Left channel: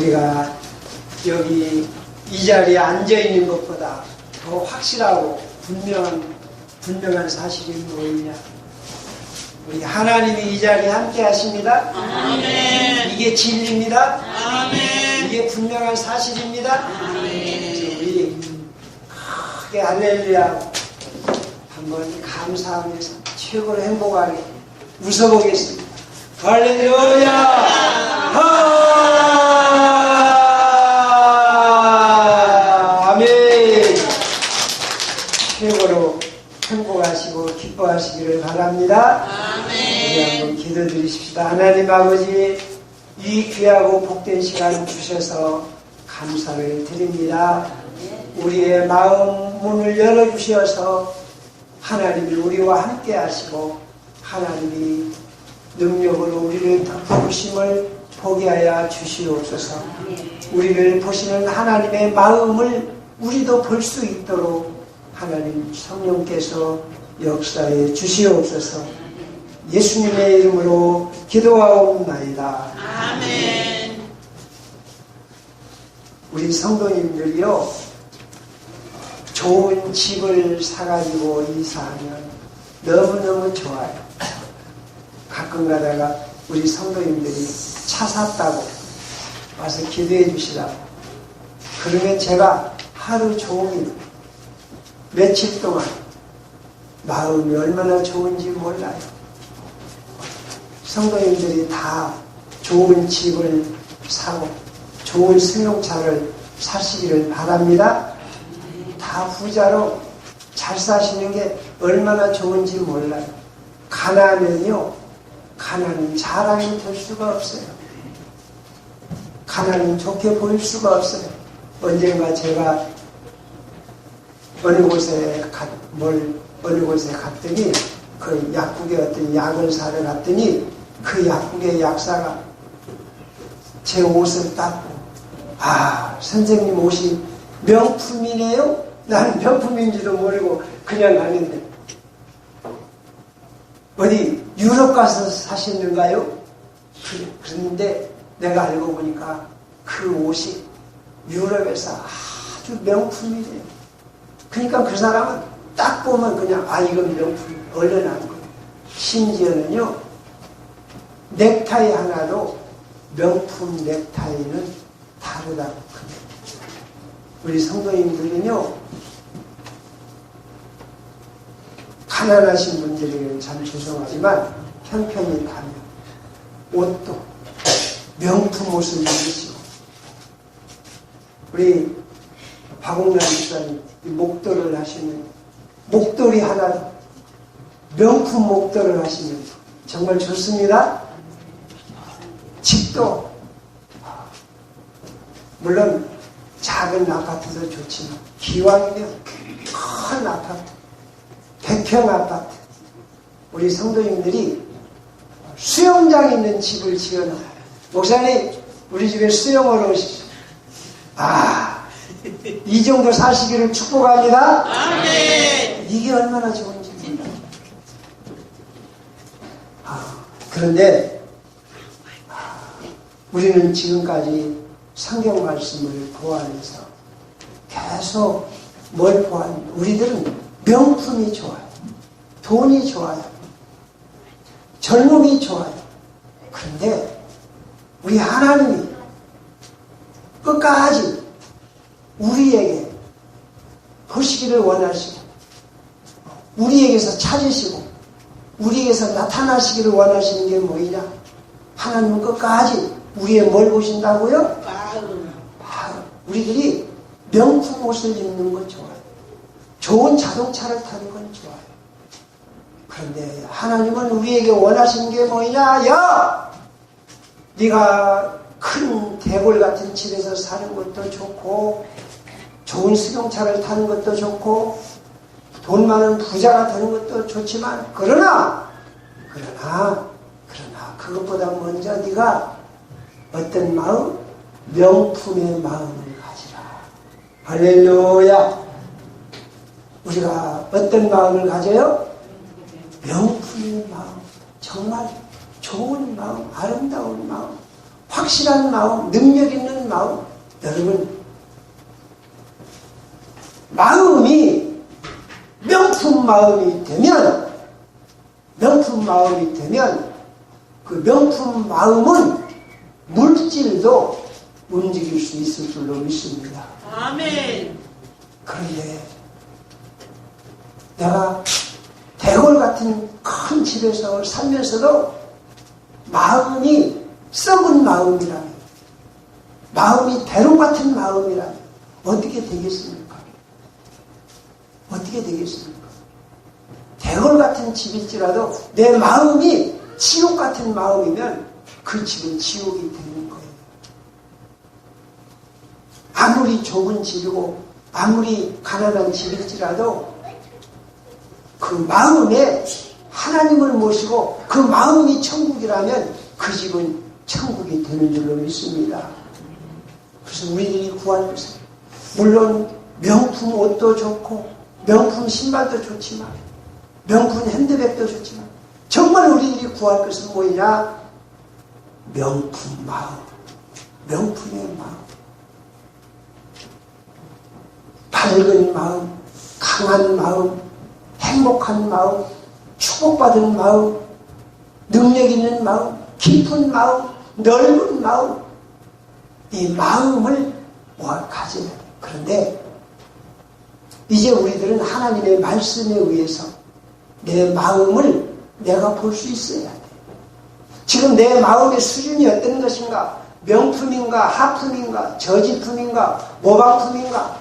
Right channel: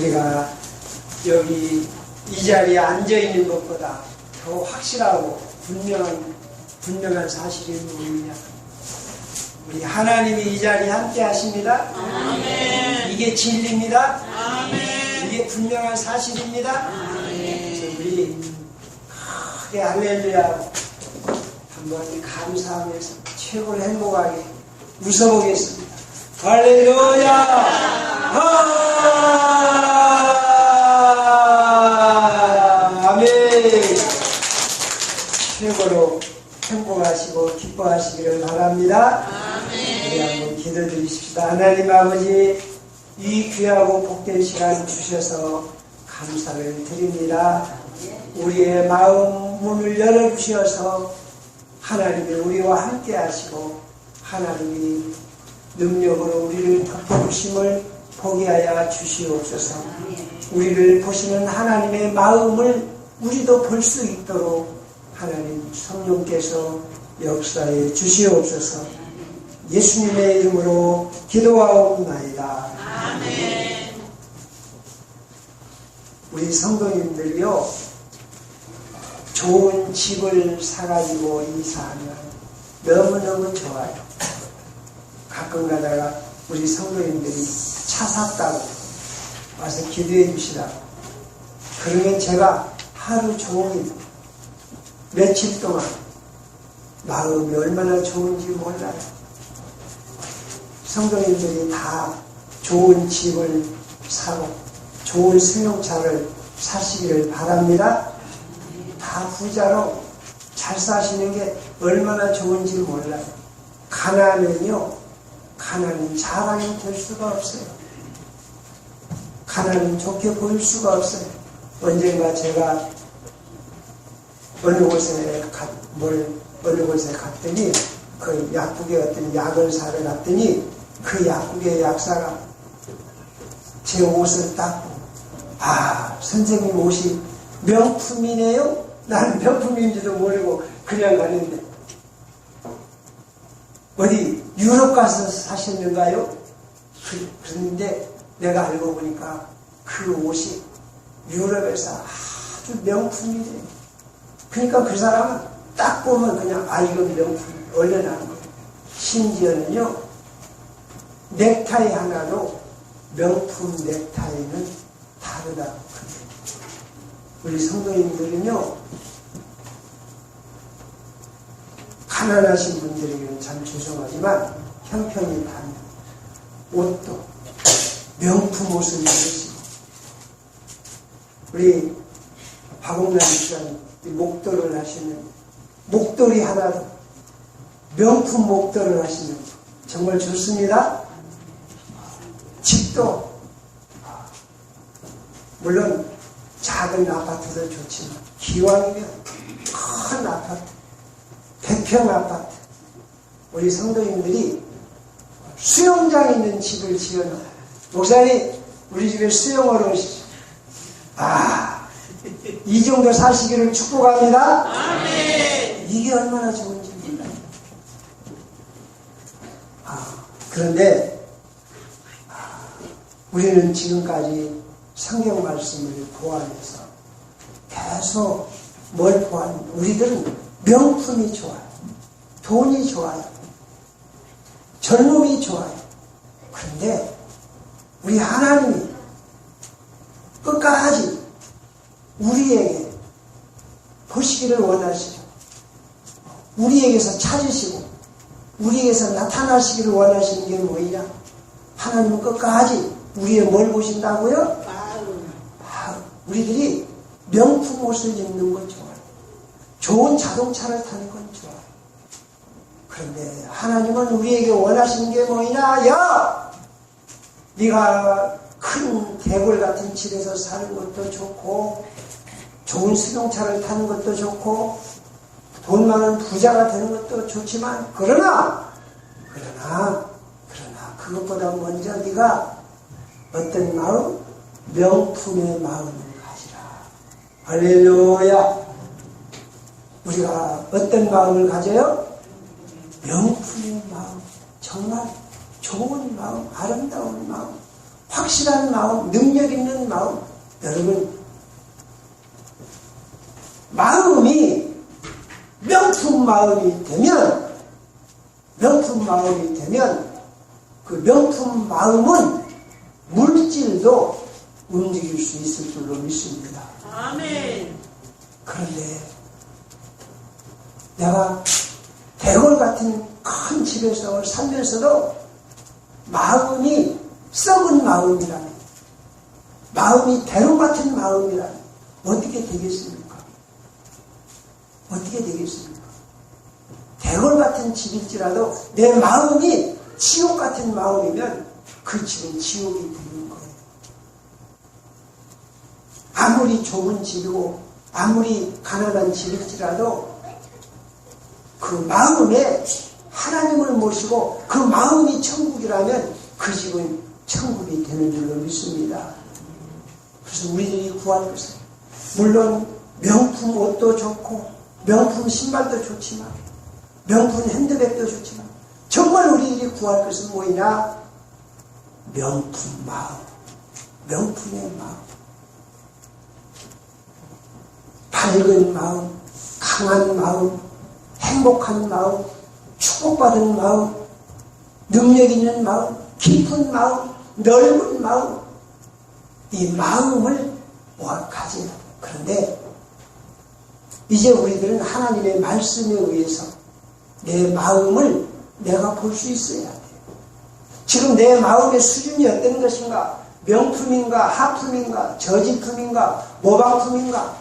우리가 여기 이 자리에 앉아 있는 것보다 더 확실하고 분명한 사실이 뭐냐? 우리 하나님이 이 자리에 함께 하십니다. 아멘. 이게 진리입니다. 아멘. 이게 분명한 사실입니다. 아멘. 우리 크게 할렐루야 한번 감사하면서 최고로 행복하게 웃어보겠습니다. 할렐루야. 아멘. 최고로 행복하시고 기뻐하시기를 바랍니다. 우리 한번 기도드리십시다. 하나님 아버지, 이 귀하고 복된 시간 주셔서 감사를 드립니다. 우리의 마음 문을 열어주셔서 하나님이 우리와 함께 하시고 하나님이 능력으로 우리를 덮어주심을 보게 하여 주시옵소서. 우리를 보시는 하나님의 마음을 우리도 볼 수 있도록 하나님 성령께서 역사해 주시옵소서. 예수님의 이름으로 기도하옵나이다. 아멘. 우리 성도님들이요, 좋은 집을 사가지고 이사하면 너무너무 좋아요. 가끔 가다가 우리 성도님들이 차 샀다고 와서 기도해 주시라고. 그러면 제가 하루 종일 며칠 동안 마음이 얼마나 좋은지 몰라요. 성도님들이 다 좋은 집을 사고 좋은 승용차를 사시기를 바랍니다. 다 부자로 잘 사시는 게 얼마나 좋은지 몰라요. 가난은요, 가난은 자랑이 될 수가 없어요. 가난은 좋게 보일 수가 없어요. 언젠가 제가 어느 곳에 갔더니 그 약국에 어떤 약을 사러 갔더니 그 약국의 약사가 제 옷을 닦고, 아, 선생님 옷이 명품이네요? 나는 명품인지도 모르고 그냥 가는데, 어디 유럽 가서 사셨는가요? 그랬는데 내가 알고 보니까 그 옷이 유럽에서 아주 명품이래요. 그러니까 그 사람은 딱 보면 그냥, 아, 이건 명품, 얼른 한 거예요. 심지어는요, 넥타이 하나로 명품 넥타이는 다르다. 우리 성도님들은요, 가난하신 분들에게는 참 죄송하지만 형편이 다릅니다. 옷도 명품 옷을 입으시고, 우리 박홍란 목사님 목도를 하시는, 목도리 하나 명품 목도를 하시면 정말 좋습니다. 집도 물론 작은 아파트도 좋지만 기왕이면 큰 아파트, 100평 아파트, 우리 성도님들이 수영장 있는 집을 지어놔요. 목사님, 우리 집에 수영을 오십시오. 아, 이 정도 사시기를 축복합니다. 아멘. 이게 얼마나 좋은지 몰라요. 그런데 우리는 지금까지 성경 말씀을 보아하면서 계속 뭘 보았는지, 우리들은 명품이 좋아요. 돈이 좋아요. 젊음이 좋아요. 그런데 우리 하나님이 끝까지 우리에게 보시기를 원하시고, 우리에게서 찾으시고, 우리에게서 나타나시기를 원하시는 게 뭐이냐? 하나님은 끝까지 우리의 뭘 보신다고요? 우리들이 명품 옷을 입는 건 좋아요. 좋은 자동차를 타는 건 좋아요. 그런데 하나님은 우리에게 원하시는 게 뭐냐? 야! 네가 큰 대궐 같은 집에서 사는 것도 좋고, 좋은 승용차를 타는 것도 좋고, 돈 많은 부자가 되는 것도 좋지만, 그러나 그것보다 먼저 네가 어떤 마음? 명품의 마음을 가지라. 할렐루야. 우리가 어떤 마음을 가져요? 명품의 마음, 정말 좋은 마음, 아름다운 마음, 확실한 마음, 능력 있는 마음. 여러분, 마음이 명품 마음이 되면 그 명품 마음은 물질도 움직일 수 있을 줄로 믿습니다. 아멘. 그런데 내가 대궐 같은 큰 집에서 살면서도 마음이 썩은 마음이라면, 마음이 대로 같은 마음이라면 어떻게 되겠습니까? 어떻게 되겠습니까? 대궐 같은 집일지라도 내 마음이 지옥 같은 마음이면 그 집은 지옥이 되는 거예요. 아무리 좁은 집이고 아무리 가난한 집일지라도 그 마음에 하나님을 모시고 그 마음이 천국이라면 그 집은 천국이 되는 줄로 믿습니다. 그래서 우리들이 구할 것은 물론 명품 옷도 좋고 명품 신발도 좋지만 명품 핸드백도 좋지만 정말 우리들이 구할 것은 뭐냐? 명품 마음, 명품의 마음, 밝은 마음, 강한 마음, 행복한 마음, 축복받은 마음, 능력 있는 마음, 깊은 마음, 넓은 마음, 이 마음을 가져야 돼요. 그런데 이제 우리들은 하나님의 말씀에 의해서 내 마음을 내가 볼 수 있어야 돼요. 지금 내 마음의 수준이 어떤 것인가? 명품인가? 하품인가? 저질품인가? 모방품인가?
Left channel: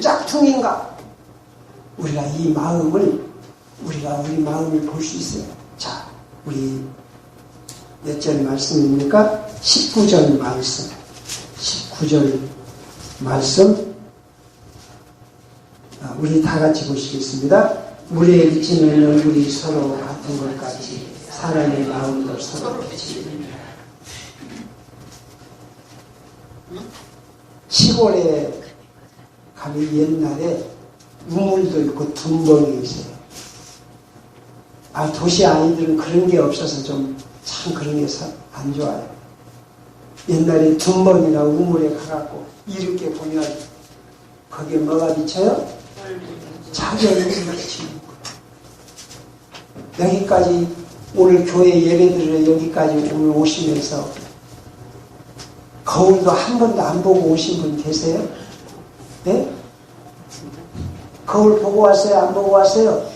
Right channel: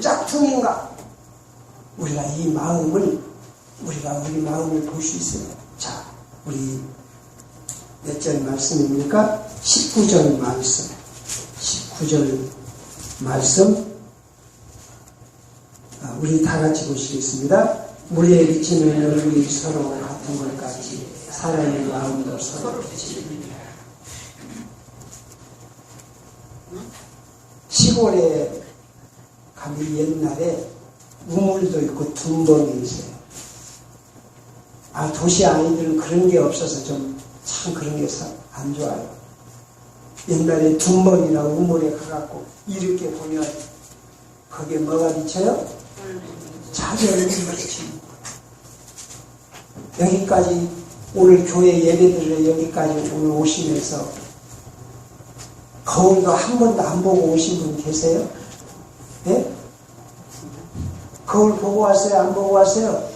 짝퉁인가? 우리가 이 마음을, 우리 마음을 볼 수 있어요. 자, 우리 몇 절 말씀입니까? 19절 말씀. 19절 말씀. 우리 다 같이 보시겠습니다. 물에 비치는 얼굴이 서로 같은 것 같이 사람의 마음도 서로 비치느니라. 시골에 가면 옛날에 우물도 있고 둔벙이 있어요. 도시 아이들은 그런 게 없어서 좀 참 그런 게 안 좋아요. 옛날에 둔벙이나 우물에 가갖고 이렇게 보면 거기에 뭐가 비쳐요? 자기 얼굴이 비치는 거예요. 여기까지 오늘 교회 예배드려 여기까지 오늘 오시면서 거울도 한 번도 안 보고 오신 분 계세요? 네? 거울 보고 왔어요? 안 보고 왔어요?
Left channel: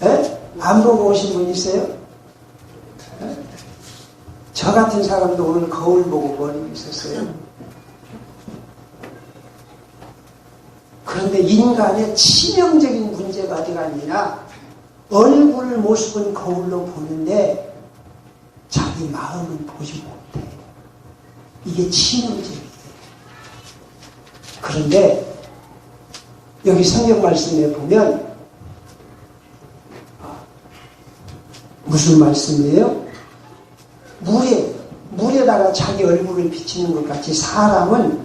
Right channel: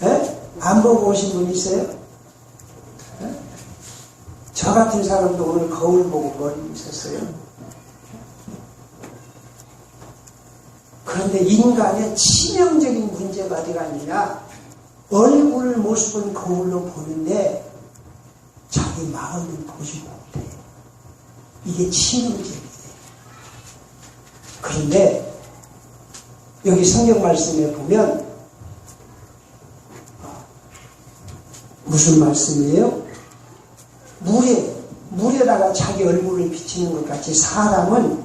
네? 안 보고 오신 분 있어요? 네? 저 같은 사람도 오늘 거울 보고 머리를 있었어요. 그런데 인간의 치명적인 문제가 어디가 아니라 얼굴 모습은 거울로 보는데 자기 마음은 보지 못해. 이게 치명적이에요. 그런데 여기 성경 말씀에 보면 무슨 말씀이에요? 물에다가 자기 얼굴을 비치는 것 같이 사람은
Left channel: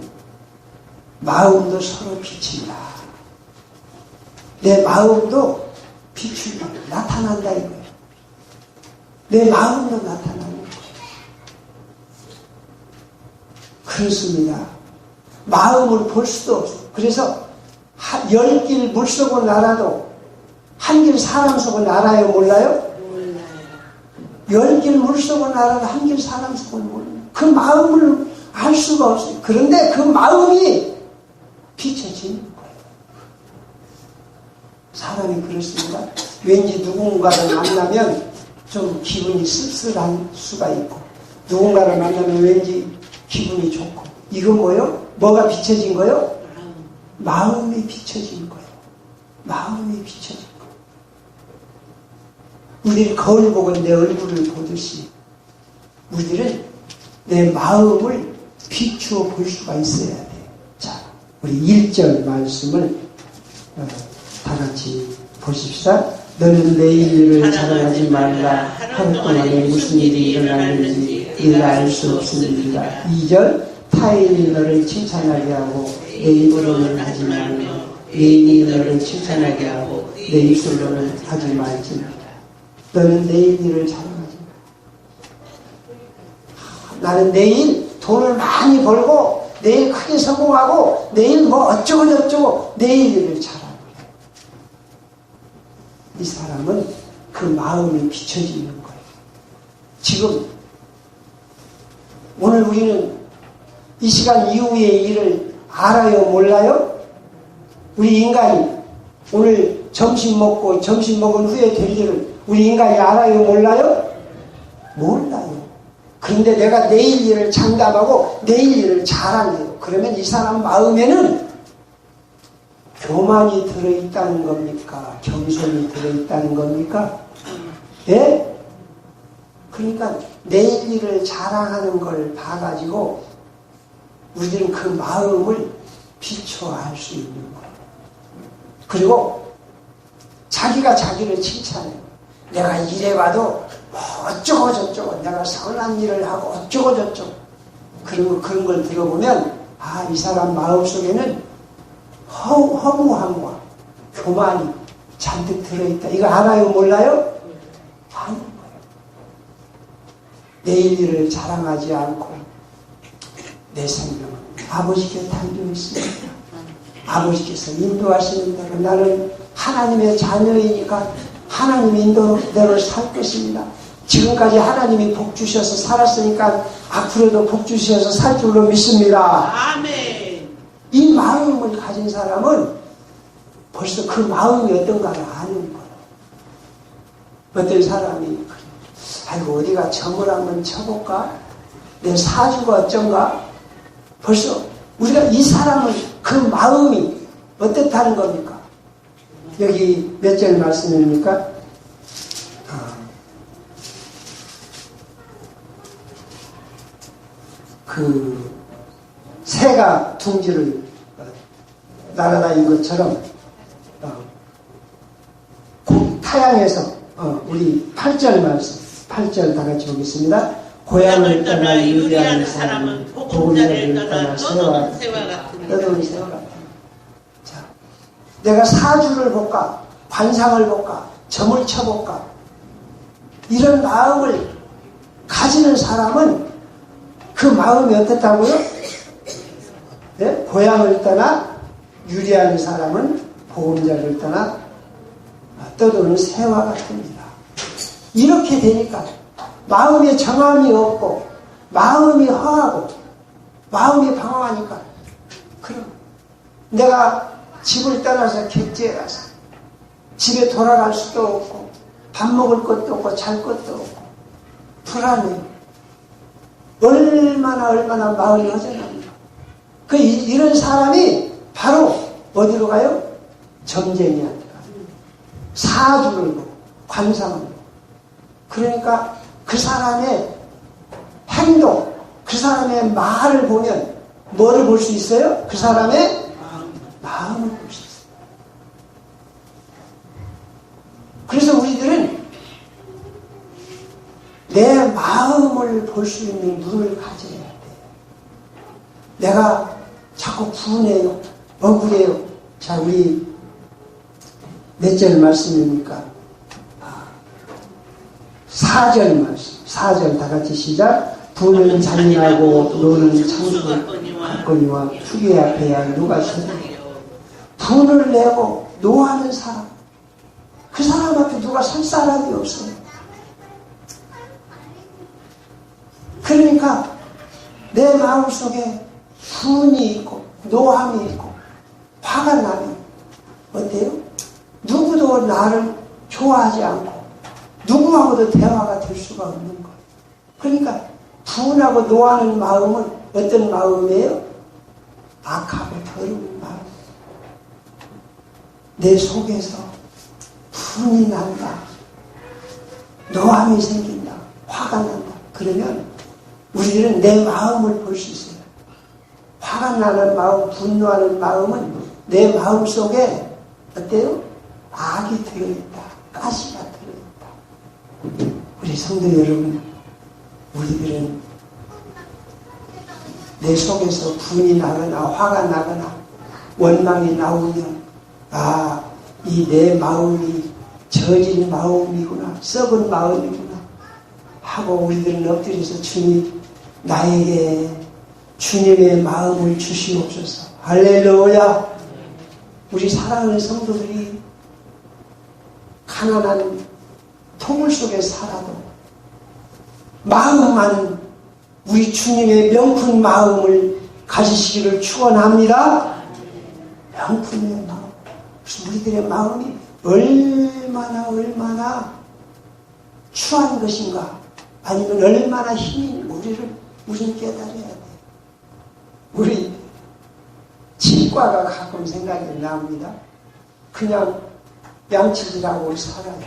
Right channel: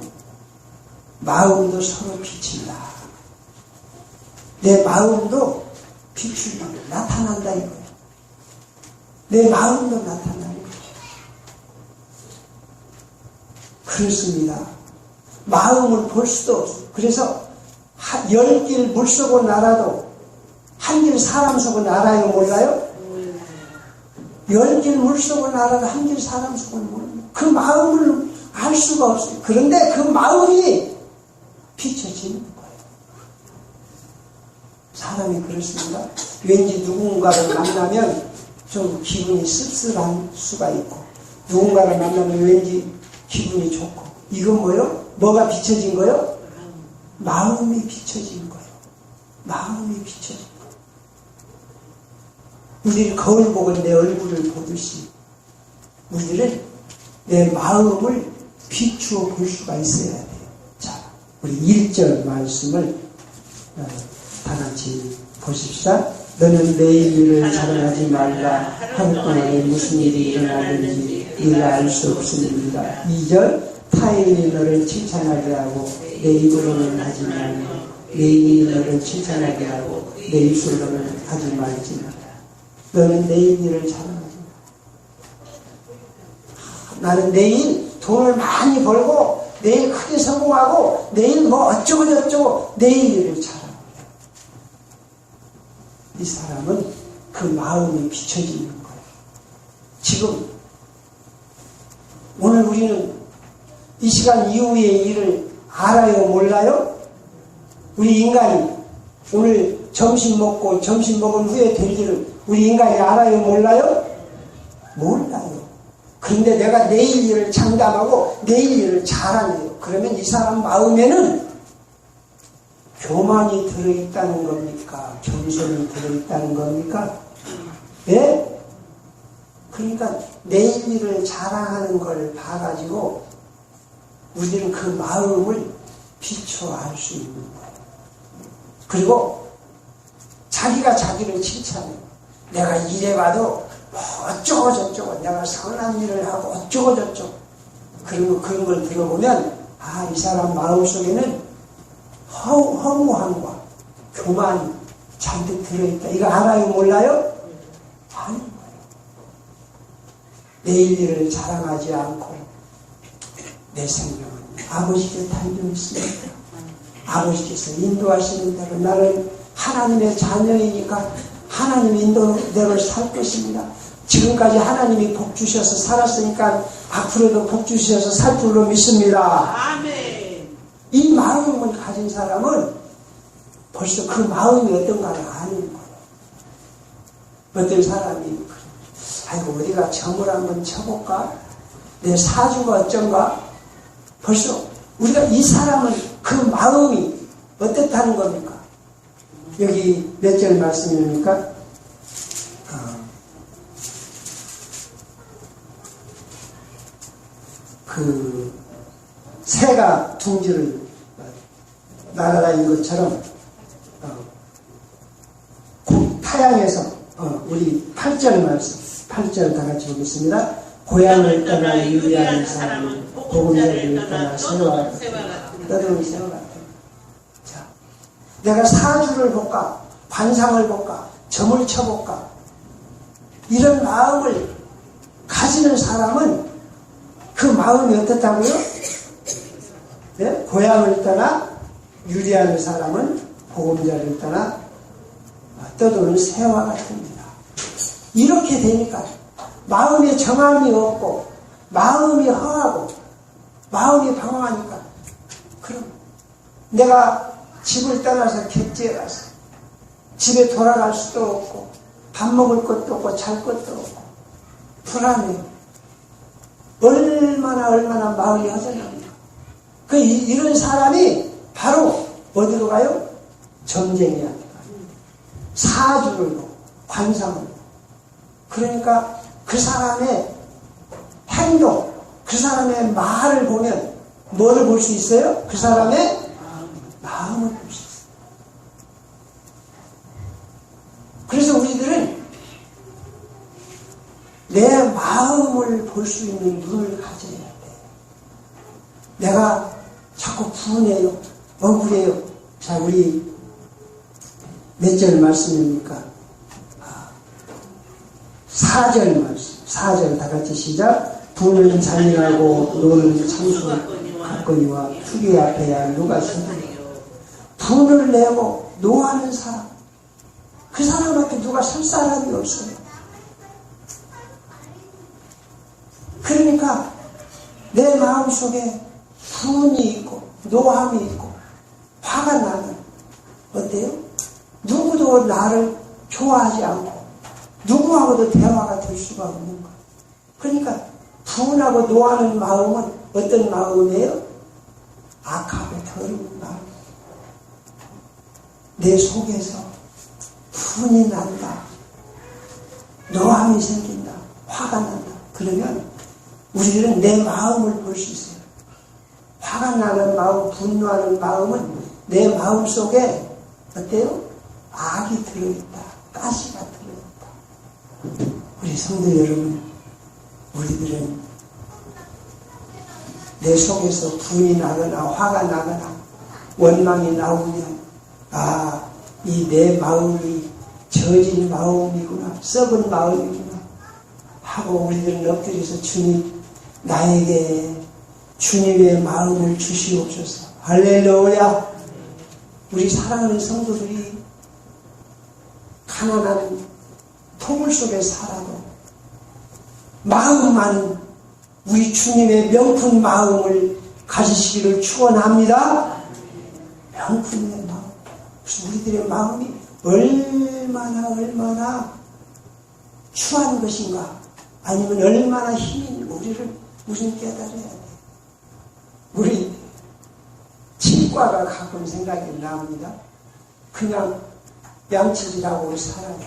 마음도 서로 비친다. 내 마음도 비춘다. 나타난다 이거예요. 내 마음도 나타난다. 그렇습니다. 마음을 볼 수도 없어요. 그래서 10길 물속은 알아도 한 길 사람 속은 알아요? 몰라요? 10길 물속은 알아도 한 길 사람 속은 몰라요. 그 마음을 알 수가 없어요. 그런데 그 마음이 비춰지는 거예요. 사람이 그렇습니다. 왠지 누군가를 만나면 좀 기분이 씁쓸한 수가 있고 누군가를 만나면 왠지 기분이 좋고 이건 뭐예요? 뭐가 비춰진 거예요? 마음이 비춰진 거예요. 마음이 비춰진 거예요. 우리를 거울 보고 내 얼굴을 보듯이 우리들은 내 마음을 비추어 볼 수가 있어야 돼요. 자, 우리 1절 말씀을 다 같이 보십시다. 너는 내일 일을 자랑하지 말라. 하루 동안에 무슨 일이 일어나는지 네가 알 수 없으니까. 2절 타인이 너를 칭찬하게 하고 내 입으로는 하지 말며 내인이 너를 칭찬하게 하고 내 입술로는 하지 말지니라. 너는 내일 일을 자랑하지 마. 나는 내일 돈을 많이 벌고 내일 크게 성공하고 내일 뭐 어쩌고저쩌고 내일 일을 잘하고 이 사람은 그 마음이 비춰지는 거예요. 지금 오늘 우리는 이 시간 이후의 일을 알아요? 몰라요? 우리 인간이 오늘 점심 먹고 점심 먹은 후에 될 일을 우리 인간이 알아요? 몰라요? 몰라요. 그런데 내가 내일 일을 장담하고 내일 일을 잘하네요. 그러면 이 사람 마음에는 교만이 들어있다는 겁니까? 겸손이 들어있다는 겁니까? 예? 그러니까 내일 일을 자랑하는 걸 봐가지고 우리들은 그 마음을 비춰 알 수 있는 거예요. 그리고 자기가 자기를 칭찬해요. 내가 이래봐도 뭐 어쩌고저쩌고 내가 선한 일을 하고 어쩌고저쩌고 그런 걸 들어보면 아, 이 사람 마음속에는 허무함과 교만이 잔뜩 들어있다. 이거 알아요? 몰라요? 아는 거예요. 내일 일을 자랑하지 않고 내 생명은 아버지 곁에 앉아 있습니다. 아버지께서 인도하시는 대로 나는 하나님의 자녀이니까 하나님의 인도대로 살 것입니다. 지금까지 하나님이 복 주셔서 살았으니까 앞으로도 복 주셔서 살 줄로 믿습니다. 아멘. 이 마음을 가진 사람은 벌써 그 마음이 어떤가를 아는 거예요. 어떤 사람이 아이고 어디가 점을 한번 쳐볼까? 내 사주가 어쩐가? 벌써 우리가 이 사람은 그 마음이 어떻다는 겁니까? 여기 몇 절 말씀입니까? 그 새가 둥지를 날아다닌 것처럼 타양에서 우리 8절 말씀 8절 다 같이 보겠습니다. 고향을 떠나 유리한 사람은 보금자리를 떠나 새와 떠도는 새와 같다. 자, 내가 사주를 볼까? 관상을 볼까? 점을 쳐볼까? 이런 마음을 가지는 사람은 그 마음이 어떻다고요? 네? 고향을 떠나 유리한 사람은 보금자리를 떠나 떠도는 새와 같습니다. 이렇게 되니까 마음에 정함이 없고 마음이 허하고 마음이 방황하니까 그럼 내가 집을 떠나서 객지에 가서 집에 돌아갈 수도 없고 밥 먹을 것도 없고 잘 것도 없고 불안해요. 얼마나 마음이 허전합니다. 이런 사람이 바로 어디로 가요? 점쟁이한테 가요. 사주를 보고 관상을 보고. 그러니까 그 사람의 행동, 그 사람의 말을 보면 뭐를 볼 수 있어요? 그 사람의 마음을 볼 수 있어요. 그래서 우리들은 내 마음을 볼 수 있는 눈을 가져야 돼. 내가 자꾸 분해요, 억울해요. 자, 우리 몇 절 말씀입니까? 4절 말씀. 4절 다 같이 시작. 부는 잔인하고 노는 창조하거니와 후계 앞에야 누가 서느냐. 분을 내고 노하는 사람, 그 사람한테 누가 설 사람이 없어요. 그러니까 내 마음속에 분이 있고 노함이 있고 화가 나면 어때요? 누구도 나를 좋아하지 않고 누구하고도 대화가 될 수가 없는 거예요. 그러니까 분하고 노하는 마음은 어떤 마음이에요? 악하고 더러운 마음. 내 속에서 분이 난다, 노함이 생긴다, 화가 난다. 그러면 우리들은 내 마음을 볼 수 있어요. 화가 나는 마음, 분노하는 마음은 내 마음 속에 어때요? 악이 들어있다, 가시가 들어있다. 우리 성도 여러분, 우리들은 내 속에서 분이 나거나 화가 나거나 원망이 나오면 이 내 마음이 저진 마음이구나, 썩은 마음이구나 하고 우리들은 엎드려서 주님 나에게 주님의 마음을 주시옵소서. 할렐루야. 우리 사랑하는 성도들이 가난한 토물 속에 살아도 마음 많은 우리 주님의 명품 마음을 가지시기를 축원합니다. 명품의 마음. 그래서 우리들의 마음이 얼마나 추한 것인가, 아니면 얼마나 힘이 있는 우리를 깨달아야 돼. 우리 치과가 가끔 생각이 납니다. 그냥 양치질하고 살아요.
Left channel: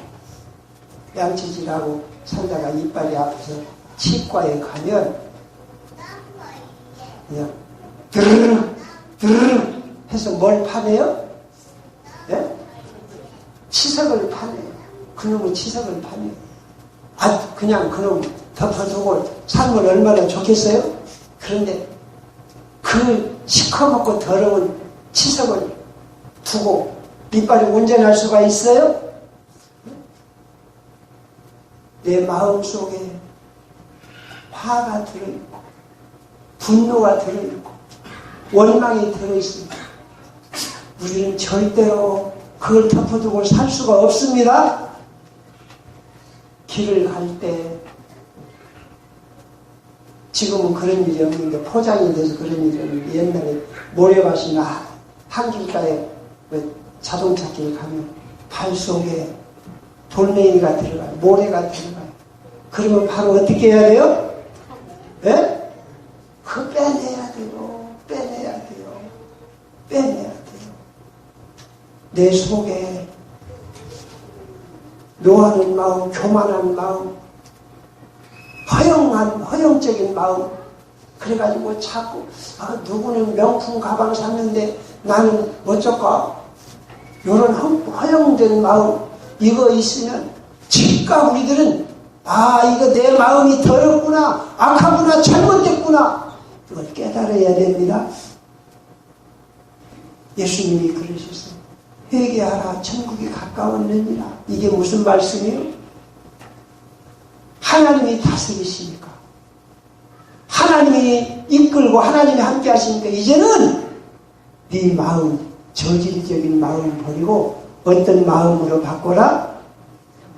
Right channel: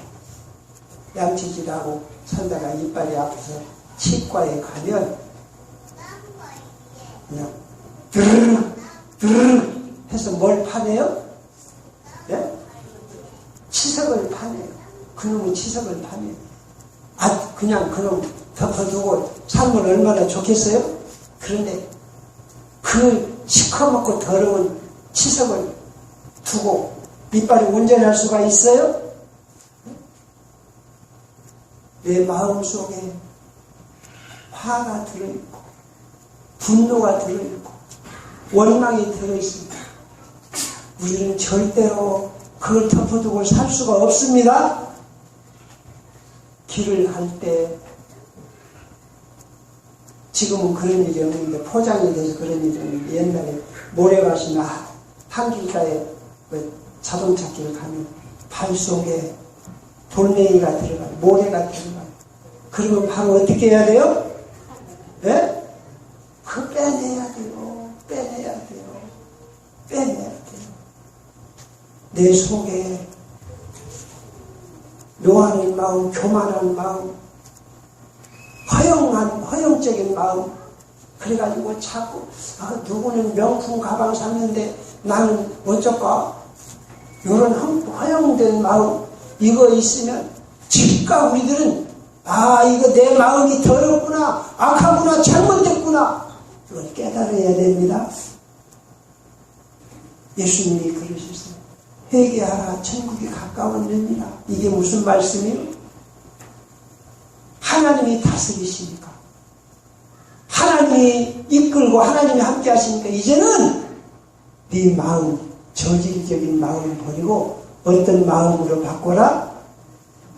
양치질하고 살다가 이빨이 아파서 치과에 가면 그냥 드르륵 해서 뭘 파내요? 네? 치석을 파내요. 그놈은 치석을 파내요. 그냥 그놈 덮어두고 살면 얼마나 좋겠어요? 그런데 그 시커멓고 더러운 치석을 두고 이빨이 온전할 수가 있어요? 내 마음속에 화가 들어있고 분노가 들어있고 원망이 들어있습니다. 우리는 절대로 그걸 덮어두고 살 수가 없습니다. 길을 갈 때, 지금은 그런 일이 없는데 포장이 돼서 그런 일이 없는데, 옛날에 모래밭이나 한길가에 자동차 길 가면 발 속에 돌멩이가 들어가요. 모래가 들어가요. 그러면 바로 어떻게 해야 돼요? 예? 그거 빼내야 돼요. 빼내야 돼요. 내 속에 묘하는 마음, 교만한 마음, 허영적인 마음, 그래가지고 자꾸 누구는 명품 가방 샀는데 나는 어쩔까? 이런 허영된 마음, 이거 있으면 즉각 우리들은 이거 내 마음이 더럽구나, 악하구나, 잘못됐구나, 그걸 깨달아야 됩니다. 예수님이 그러셨어요. 회개하라, 천국이 가까웠느니라. 이게 무슨 말씀이에요? 하나님이 다스리시니까, 하나님이 이끌고 하나님이 함께 하시니까 이제는 네 마음, 저질적인 마음을 버리고 어떤 마음으로 바꿔라?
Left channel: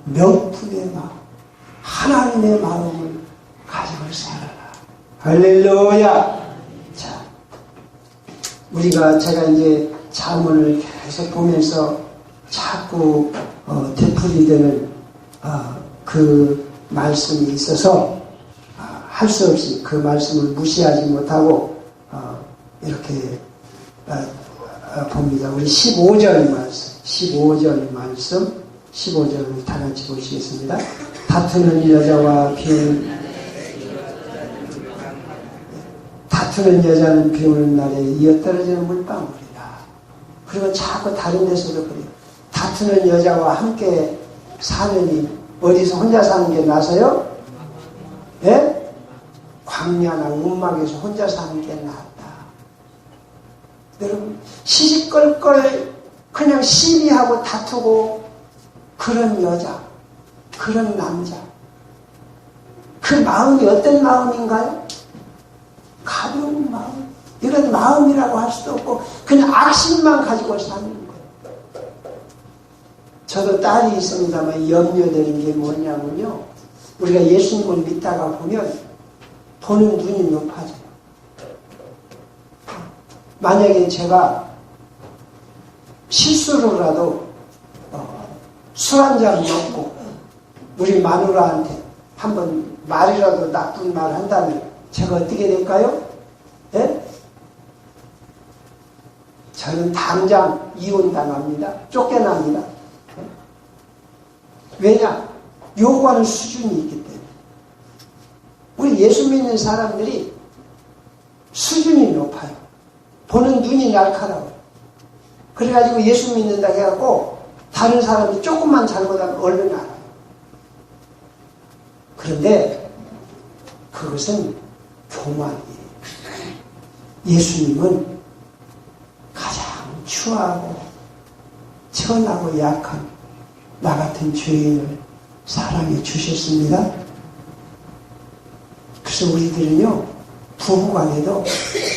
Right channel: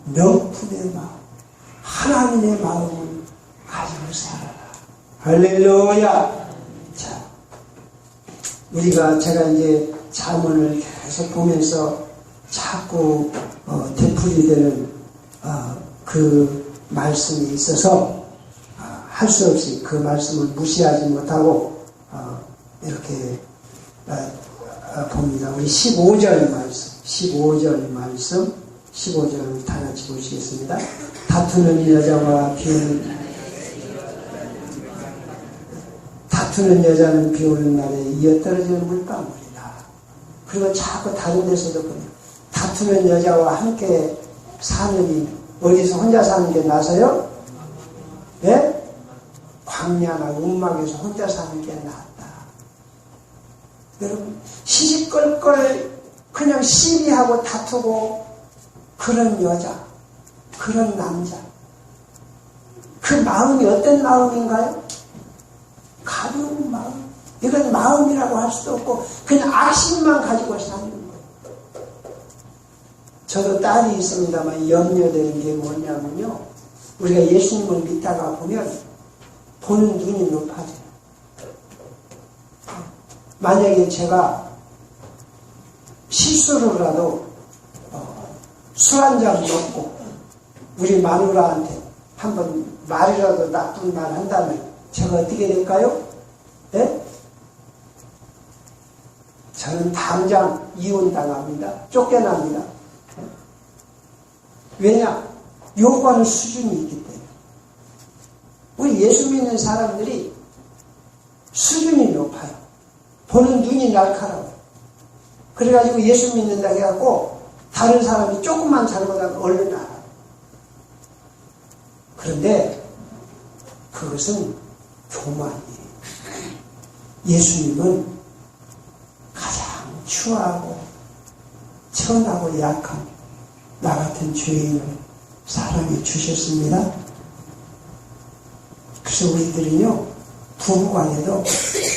명품의 마음, 하나님의 마음을 가지고 살아라. 할렐루야. 자, 제가 이제 자문을 계속 보면서 자꾸 되풀이되는 그 말씀이 있어서 할 수 없이 그 말씀을 무시하지 못하고 이렇게 봅니다. 우리 15절 말씀 15절을 다 같이 보시겠습니다. 다투는 여자는 비 오는 날에 이어떨어지는 물방울이라. 그리고 자꾸 다른 데서도 그래요. 다투는 여자와 함께 사느니 어디서 혼자 사는 게 나서요? 예? 광야나 움막에서 혼자 사는 게 낫다. 여러분, 시시껄껄 그냥 시비하고 다투고 그런 여자, 그런 남자, 그 마음이 어떤 마음인가요? 가벼운 마음. 이건 마음이라고 할 수도 없고 그냥 악심만 가지고 사는 거예요. 저도 딸이 있습니다만 염려되는 게 뭐냐면요, 우리가 예수님을 믿다가 보면 보는 눈이 높아져요. 만약에 제가 실수로라도 술 한 잔 먹고 우리 마누라한테 한번 말이라도 나쁜 말 한다면 제가 어떻게 될까요? 네? 저는 당장 이혼당합니다. 쫓겨납니다. 네? 왜냐? 요구하는 수준이 있기 때문에. 우리 예수 믿는 사람들이 수준이 높아요. 보는 눈이 날카로워요. 그래가지고 예수 믿는다 해갖고 다른 사람이 조금만 잘못하면 얼른 알아요. 그런데 그것은 교만이에요. 예수님은 가장 추하고 천하고 약한 나 같은 죄인을 사랑해 주셨습니다. 그래서 우리들은요, 부부간에도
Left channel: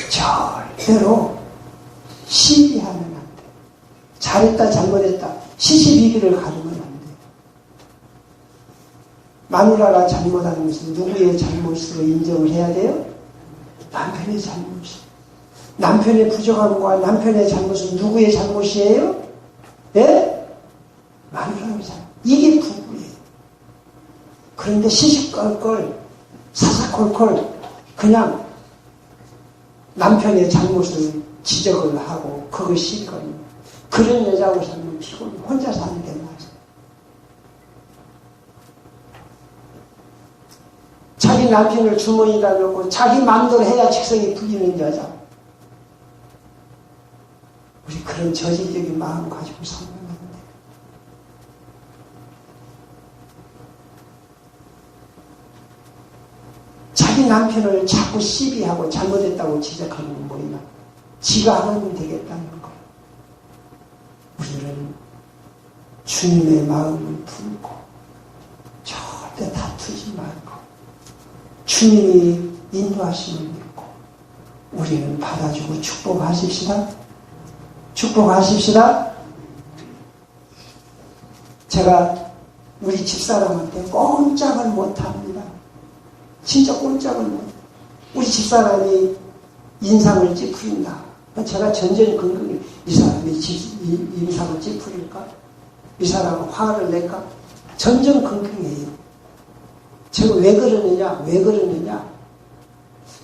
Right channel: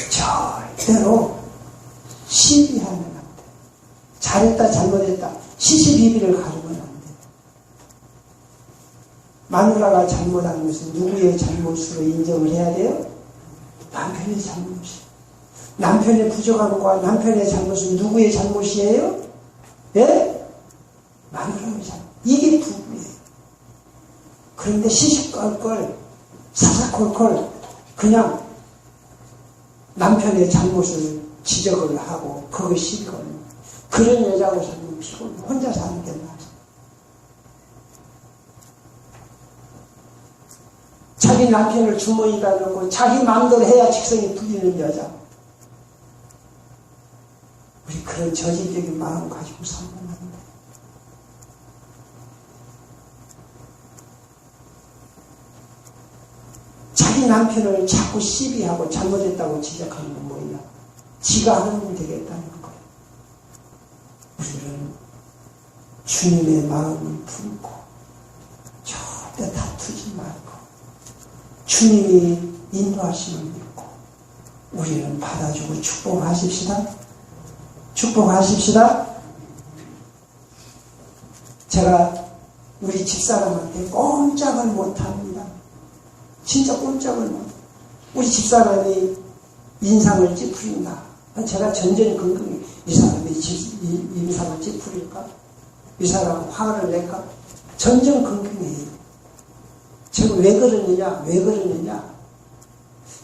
절대로 시비하면 안 돼. 잘했다, 잘못했다. 시시비비를 가르면 안 돼. 마누라가 잘못한 것은 누구의 잘못으로 인정을 해야 돼요? 남편의 잘못이. 남편의 부족함과 남편의 잘못은 누구의 잘못이에요? 예? 마누라의 잘못. 이게 부부예요. 그런데 시시껄껄, 사사콜콜, 그냥 남편의 잘못을 지적을 하고 그것이 그런 여자하고 살면 피곤해. 혼자 사는 게 나아요. 자기 남편을 주머니에다 넣고 자기 마음대로 해야 직성이 풀리는 여자. 우리 그런 저질적인 마음 가지고 살면 안 돼. 자기 남편을 자꾸 시비하고 잘못했다고 지적하는 건 뭐냐? 지가 하면 되겠다는 거예요. 우리는 주님의 마음을 품고 절대 다투지 말고 주님이 인도하심을 믿고 우리는 받아주고 축복하십시다. 축복하십시다. 제가 우리 집사람한테 꼼짝을 못합니다. 진짜 꼼짝을 못해요. 우리 집사람이 인상을 찌푸린다. 제가 전전긍긍해. 이 사람이 인상을 찌푸릴까? 이 사람은 화를 낼까? 전전긍긍해요. 제가 왜 그러느냐?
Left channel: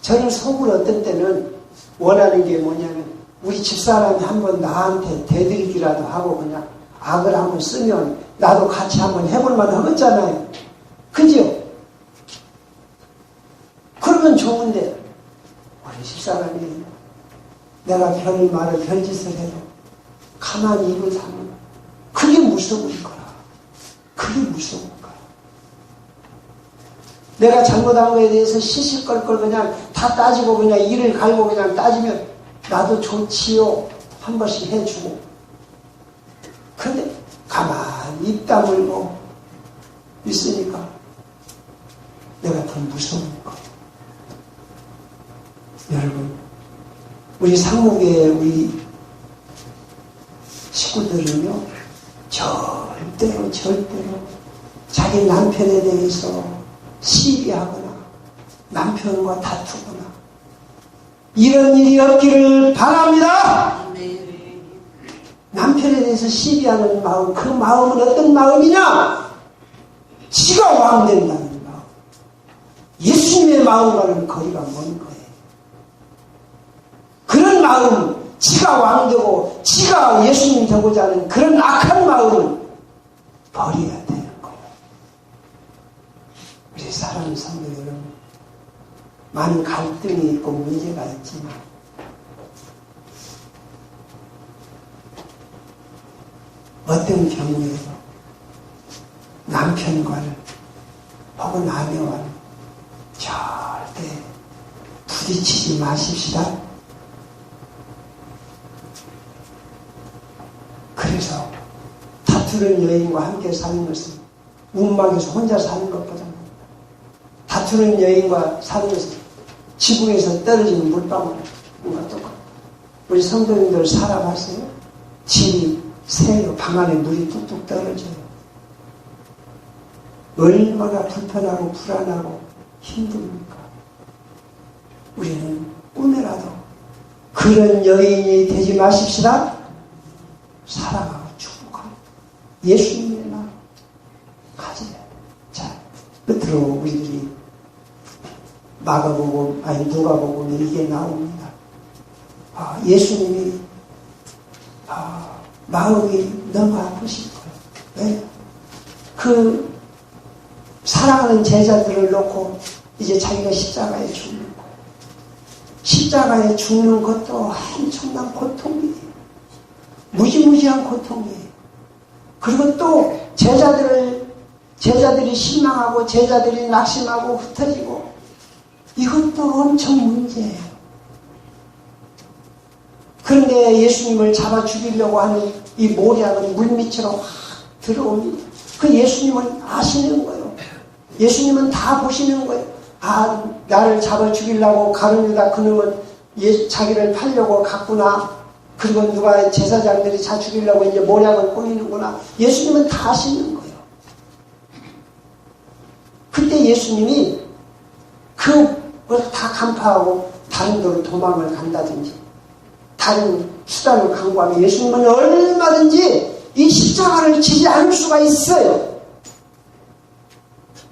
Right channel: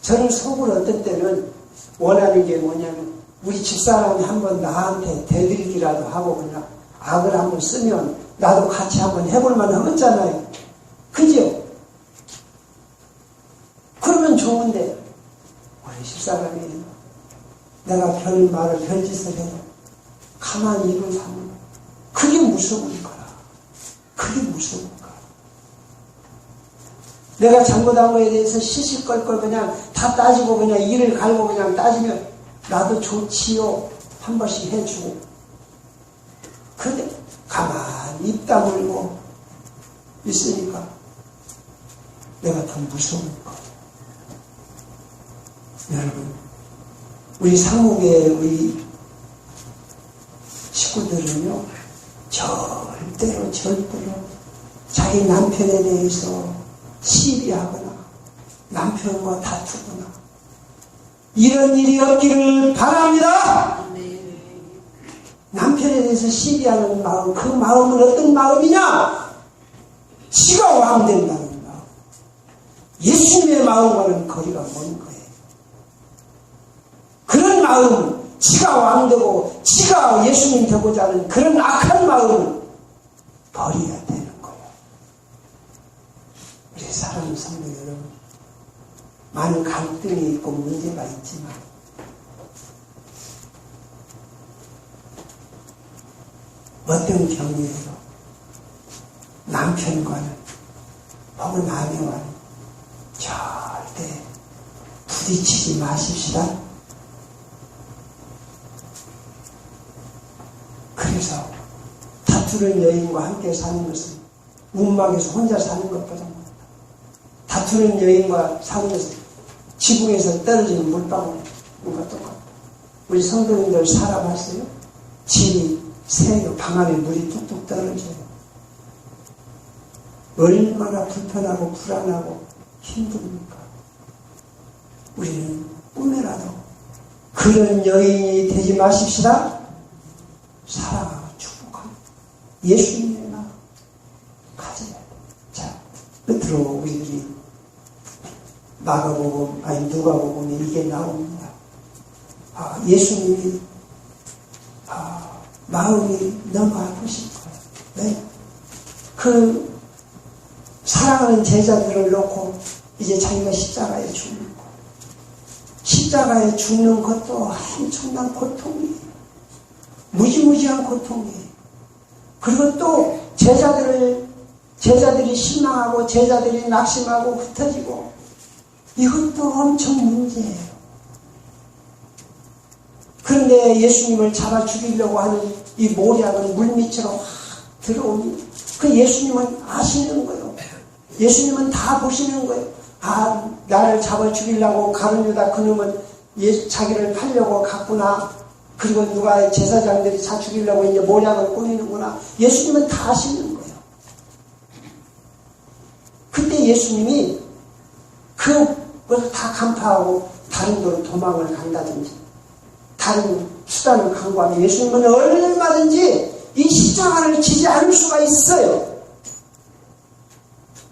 저는 속으로 어떤 때는 원하는 게 뭐냐면 우리 집사람이 한번 나한테 대들기라도 하고 그냥 악을 한번 쓰면 나도 같이 한번 해볼 만한 하잖아요. 그죠? 그러면 좋은데 우리 집사람이 내가 별 말을 별짓을 해도 가만히 입을 사는 거야. 그게 무서운 거야. 그게 무서운 거야. 내가 잘못한 거에 대해서 시시껄껄 그냥 다 따지고 그냥 이를 갈고 그냥 따지면 나도 좋지요. 한 번씩 해주고. 그런데 가만히 입 다물고 있으니까 내가 더 무서운 거야. 여러분, 우리 상목의 우리 식구들은요, 절대로 자기 남편에 대해서 시비하거나 남편과 다투거나 이런 일이 없기를 바랍니다. 남편에 대해서 시비하는 마음, 그 마음은 어떤 마음이냐? 지가 왕된다는 마음. 예수님의 마음과는 거리가 먼 거예요. 그런 마음, 지가 왕되고 지가 예수님 되고자 하는 그런 악한 마음은 버려야 되는 거예요. 우리 사랑하는 성도 여러분, 많은 갈등이 있고 문제가 있지만 어떤 경우에도 남편과는 혹은 아내와는 절대 부딪히지 마십시다. 그래서 다투는 여인과 함께 사는 것은 움막에서 혼자 사는 것보다 다투는 여인과 사는 것은 지붕에서 떨어지는 물방울과 똑같아요. 우리 성도님들 살아봤어요? 집이 새요. 방 안에 물이 뚝뚝 떨어져요. 얼마나 불편하고 불안하고 힘듭니까? 우리는 꿈에라도 그런 여인이 되지 마십시다. 사랑하고 축복하고 예수님의 마음 가져야 돼요. 자, 끝으로 우리들이 마가복음 아니 누가복음에 이게 나옵니다. 예수님이 마음이 너무 아프실 거예요. 네? 그 사랑하는 제자들을 놓고 이제 자기가 십자가에 죽는 거예요. 십자가에 죽는 것도 엄청난 고통이에요. 무지무지한 고통이에요. 그리고 또 제자들이 실망하고 제자들이 낙심하고 흩어지고 이것도 엄청 문제예요. 그런데 예수님을 잡아 죽이려고 하는 이 모략은 물밑으로 확 들어옵니다. 그 예수님은 아시는 거예요. 예수님은 다 보시는 거예요. 나를 잡아 죽이려고 가룟 유다 그놈은 자기를 팔려고 갔구나. 그리고 누가 제사장들이 자 죽이려고 이제 모략을 꾸미는구나. 예수님은 다 아시는 거예요. 그때 예수님이 그걸 다 간파하고 다른 데로 도망을 간다든지 다른 수단을 강구하면 예수님은 얼마든지 이 십자가를 지지 않을 수가 있어요.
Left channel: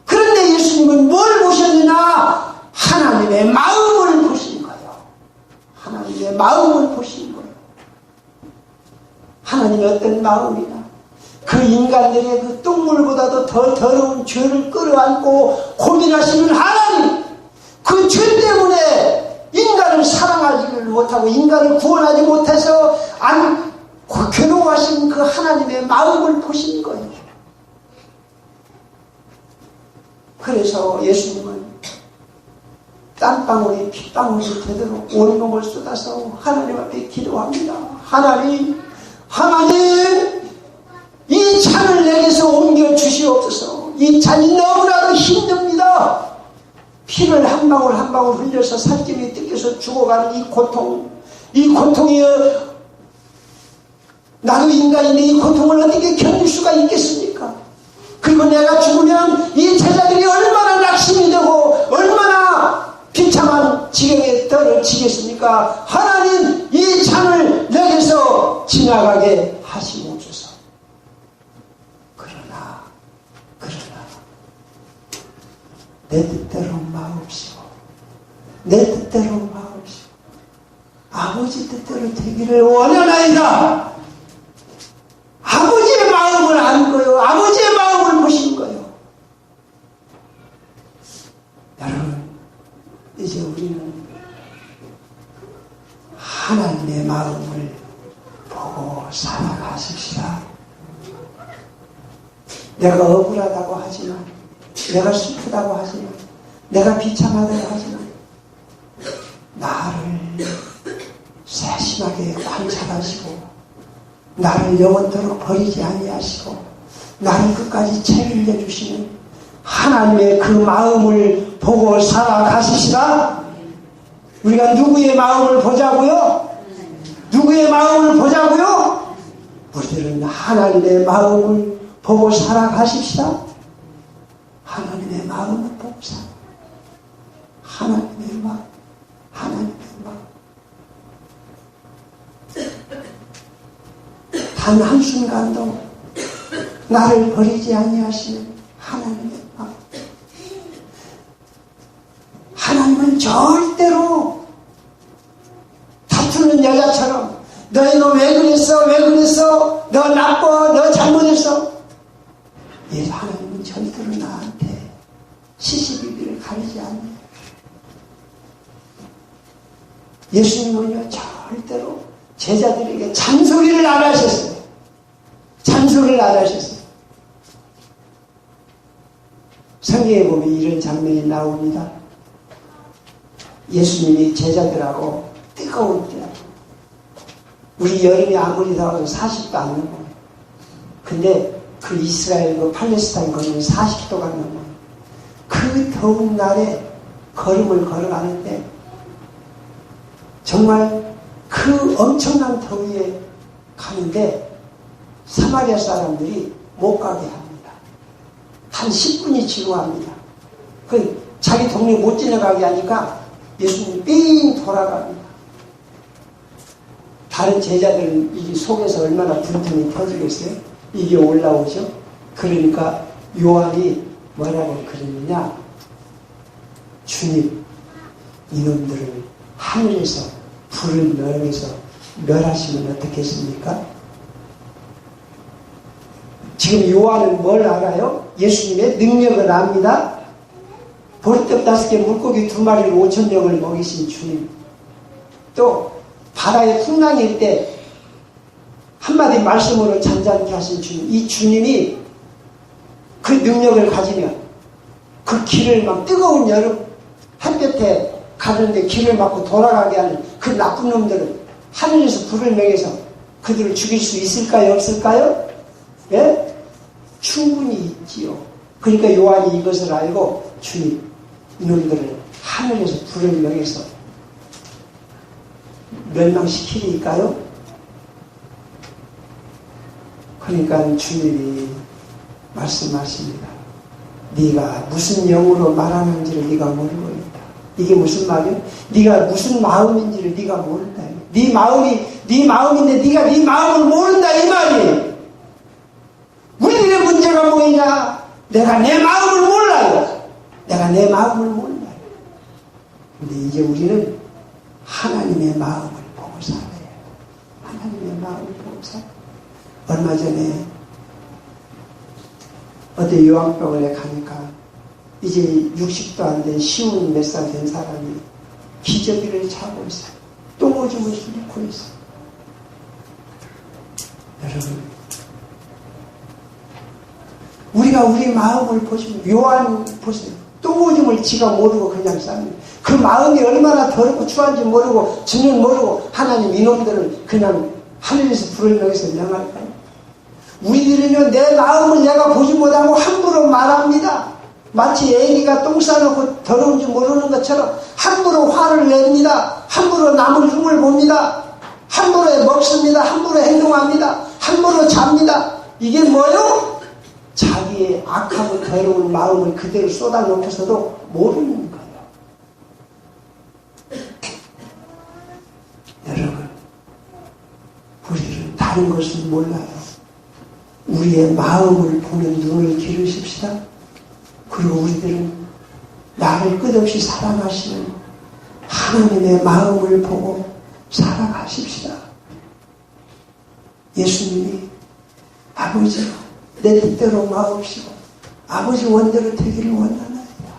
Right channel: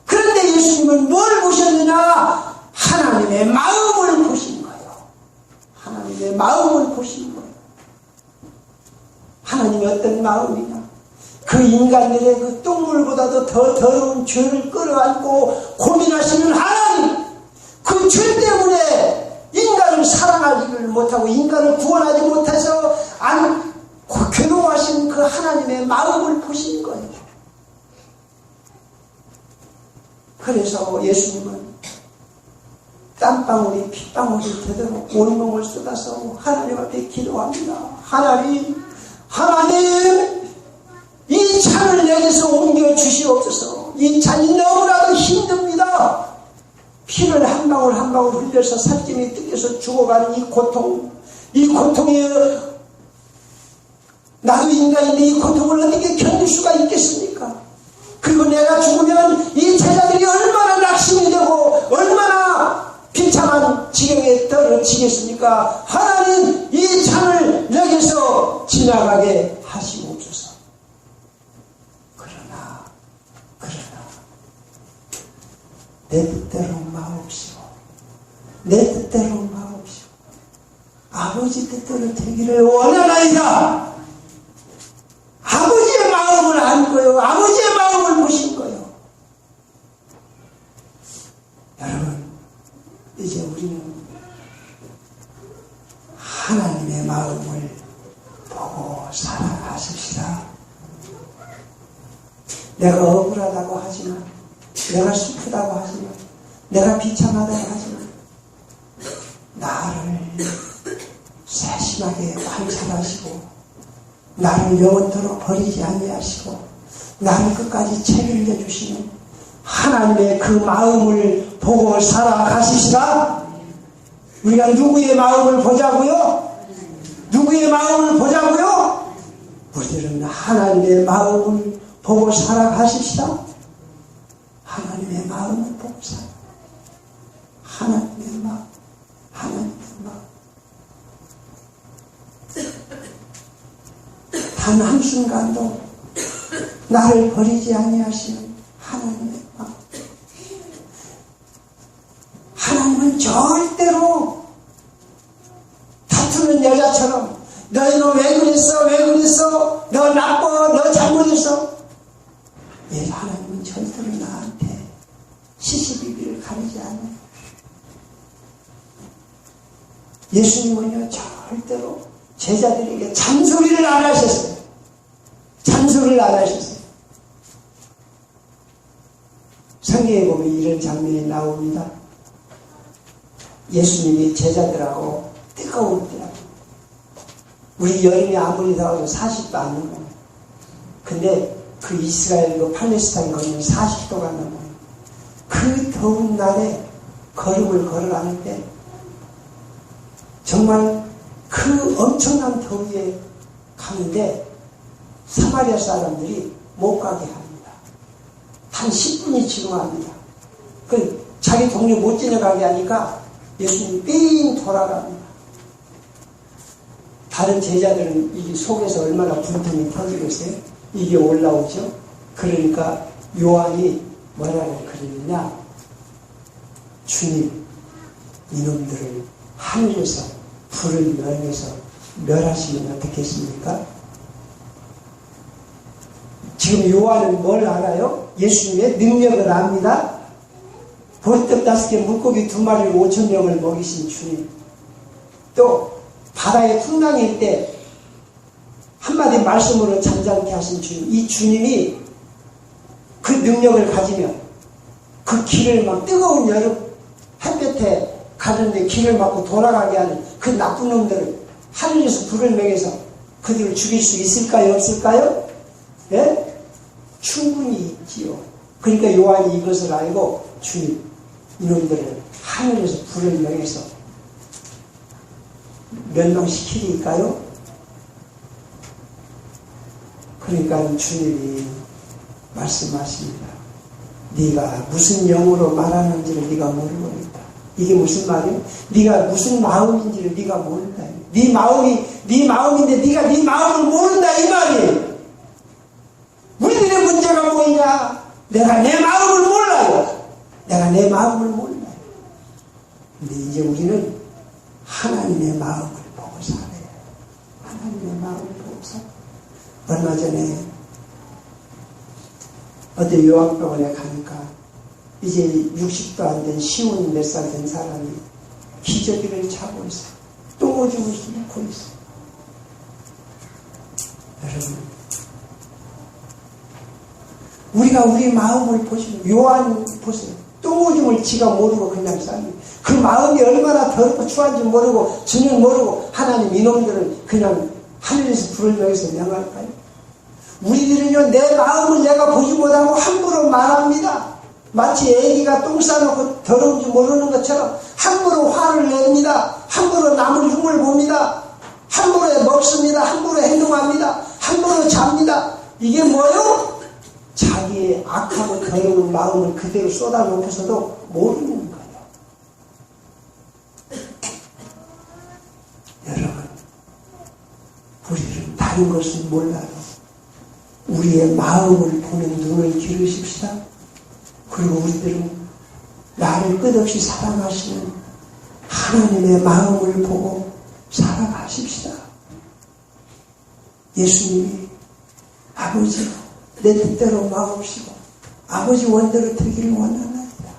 그런데 예수님은 뭘 보셨느냐? 하나님의 마음을 보신 거예요. 하나님의 마음을 보신 거예요. 하나님의 어떤 마음이냐? 그 인간들의 그 똥물보다도 더 더러운 죄를 끌어안고 고민하시는 하나님, 그 죄 때문에 인간을 사랑하지를 못하고 인간을 구원하지 못해서 괴로워하신 그 하나님의 마음을 보신 거예요. 그래서 예수님은 땀방울이 핏방울이 되도록 온몸을 쏟아서 하나님 앞에 기도합니다. 하나님, 이 잔을 내게서 옮겨 주시옵소서. 이 잔이 너무나도 힘듭니다. 피를 한 방울 한 방울 흘려서 살찜이 뜯겨서 죽어가는 이 고통이 나도 인간인데 이 고통을 어떻게 견딜 수가 있겠습니까? 그리고 내가 죽으면 이 제자들이 얼마나 낙심이 되고 얼마나 비참한 지경에 떨어지겠습니까? 하나님, 이 잔을 내게서 지나가게 하시옵소서. 그러나 내 뜻대로 마옵시고 내 뜻대로 마옵시고 아버지 뜻대로 되기를 원하나이다. 아버지의 마음을 안 거예요. 아버지의 마음을 보신 거예요. 여러분, 이제 우리는 하나님의 마음을 보고 살아가십시다. 내가 억울하다고 하지만, 내가 슬프다고 하지만, 내가 비참하다고 하지만, 나를 세심하게 관찰하시고 나를 영원토록 버리지 아니하시고 나를 끝까지 책임져 주시는 하나님의 그 마음을 보고 살아가시시라. 우리가 누구의 마음을 보자고요? 누구의 마음을 보자고요? 우리들은 하나님의 마음을 보고 살아가십시다. 하나님의 마음을 보고 살아. 하나님의 마음, 하나님의 마음. 단 한순간도 나를 버리지 아니하시는 하나님의 마음. 하나님은 절대로 다투는 여자처럼 너희는 왜 그랬어? 너 나빠? 너 잘못했어? 예, 하나님은 절대로 나한테 시시비비를 가리지 않아요. 예수님은요, 절대로 제자들에게 잔소리를 안 하셨어요. 잔소리를 안 하셨어요. 성경에 보면 이런 장면이 나옵니다. 예수님이 제자들하고 뜨거운 때, 우리 여름이 아무리 더워도 40도 안 넘어요. 근데 그 이스라엘, 그 팔레스타인 거기는 40도가 넘어요. 그 더운 날에 걸음을 걸어가는데 정말 그 엄청난 더위에 가는데 사마리아 사람들이 못 가게 합니다. 한 10분이 지루합니다. 그 자기 동네 못 지나가게 하니까 예수님이 삥 돌아갑니다. 다른 제자들은 이 속에서 얼마나 분통이 터지겠어요? 이게 올라오죠. 그러니까 요한이 뭐라고 그러느냐? 주님, 이놈들을 하늘에서 불을 명해서 멸하시면 어떻겠습니까? 지금 요한은 뭘 알아요? 예수님의 능력을 압니다. 보리떡 5개 물고기 2마리를 5,000명을 먹이신 주님, 또 바다에 풍랑일 때 한마디 말씀으로 잠잠케 하신 주님, 이 주님이 그 능력을 가지면 그 길을 막 뜨거운 여름 햇볕에 가는데 길을 막고 돌아가게 하는 그 나쁜 놈들을 하늘에서 불을 명해서 그들을 죽일 수 있을까요? 없을까요? 예? 충분히 있지요. 그러니까 요한이 이것을 알고 주님, 이놈들을 하늘에서 불을 명해서 멸망시키니까요. 그러니까 주님이 말씀하십니다. 네가 무슨 영으로 말하는지를 네가 모르겠다. 이게 무슨 말이야? 네가 무슨 마음인지를 네가 모른다. 네 마음인데 네가 네 마음을 모른다 이 말이. 우리들의 문제가 뭐냐? 내가 내 마음을 몰라요. 내가 내 마음을 몰라요. 근데 이제 우리는 하나님의 마음을 보고 살아야 해요. 하나님의 마음을 보고 살아요. 얼마 전에 어디 요양병원에 가니까 이제 60도 안 된 쉬운 몇 살 된 사람이 기저귀를 차고 있어요. 똥오줌을 뚫고 있어요. 여러분, 우리가 우리 마음을 보시면 요한 보세요. 똥오줌을 지가 모르고 그냥 쌉니다. 그 마음이 얼마나 더럽고 추한지 모르고 주님 모르고 하나님 이놈들을 그냥 하늘에서 불을 명해서 명할까요? 우리들은요, 내 마음을 내가 보지 못하고 함부로 말합니다. 마치 애기가 똥 싸놓고 더러운 줄 모르는 것처럼 함부로 화를 냅니다. 함부로 남을 흉을 봅니다. 함부로 먹습니다. 함부로 행동합니다. 함부로 잡니다. 이게 뭐요? 자기의 악하고 더러운 마음을 그대로 쏟아놓고서도 모르는 거예요. 여러분, 우리는 다른 것은 몰라요. 우리의 마음을 보는 눈을 기르십시다. 그리고 우리들은 나를 끝없이 사랑하시는 하나님의 마음을 보고 살아가십시다. 예수님이 아버지 내 뜻대로 마옵시고 아버지 원대로 되기를 원하나이다.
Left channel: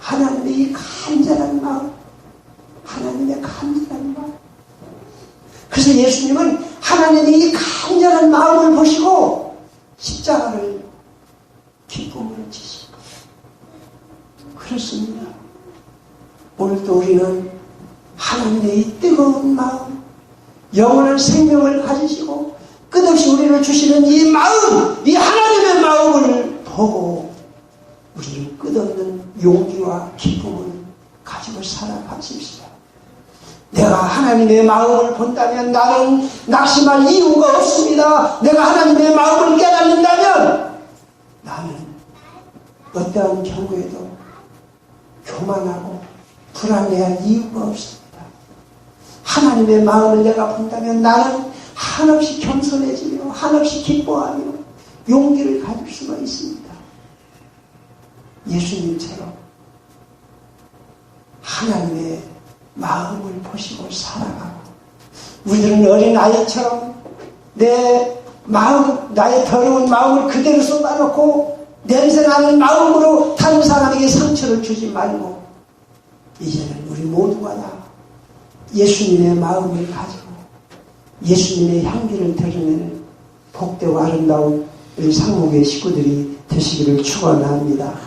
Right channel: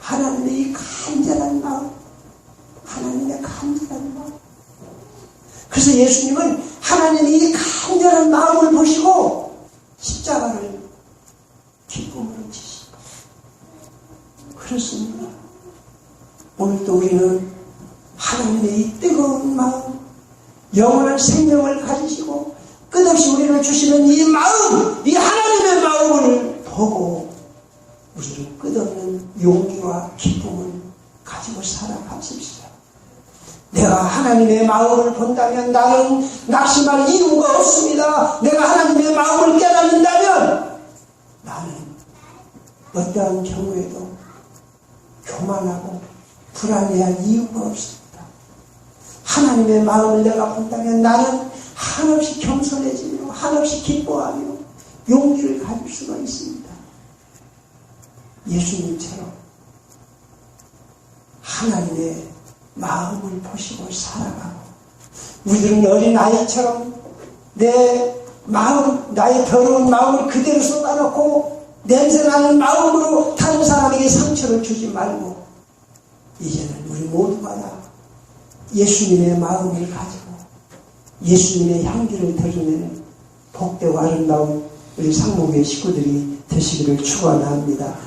하나님의 이 간절한 마음, 하나님의 간절한 마음. 그래서 예수님은 하나님의 이 간절한 마음을 보시고 십자가를 기쁨으로 지시고 그렇습니다. 오늘도 우리는 하나님의 이 뜨거운 마음, 영원한 생명을 가지시고 끝없이 우리를 주시는 이 마음, 이 하나님의 마음을 보고 우리는 끝없는 용기와 기쁨을 가지고 살아가십시다. 내가 하나님의 마음을 본다면 나는 낙심할 이유가 없습니다. 내가 하나님의 마음을 깨닫는다면 나는 어떠한 경우에도 교만하고 불안해할 이유가 없습니다. 하나님의 마음을 내가 본다면 나는 한없이 겸손해지며 한없이 기뻐하며 용기를 가질 수가 있습니다. 예수님처럼 하나님의 마음을 보시고 살아가고 우리들은 어린아이처럼 내 마음, 나의 더러운 마음을 그대로 쏟아놓고 냄새나는 마음으로 다른 사람에게 상처를 주지 말고 이제는 우리 모두가 다 예수님의 마음을 가지고 예수님의 향기를 드러내는 복되고 아름다운 우리 상목의 식구들이 되시기를 축원합니다.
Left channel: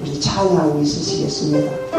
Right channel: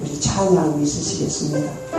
우리 찬양하고 있으시겠습니다.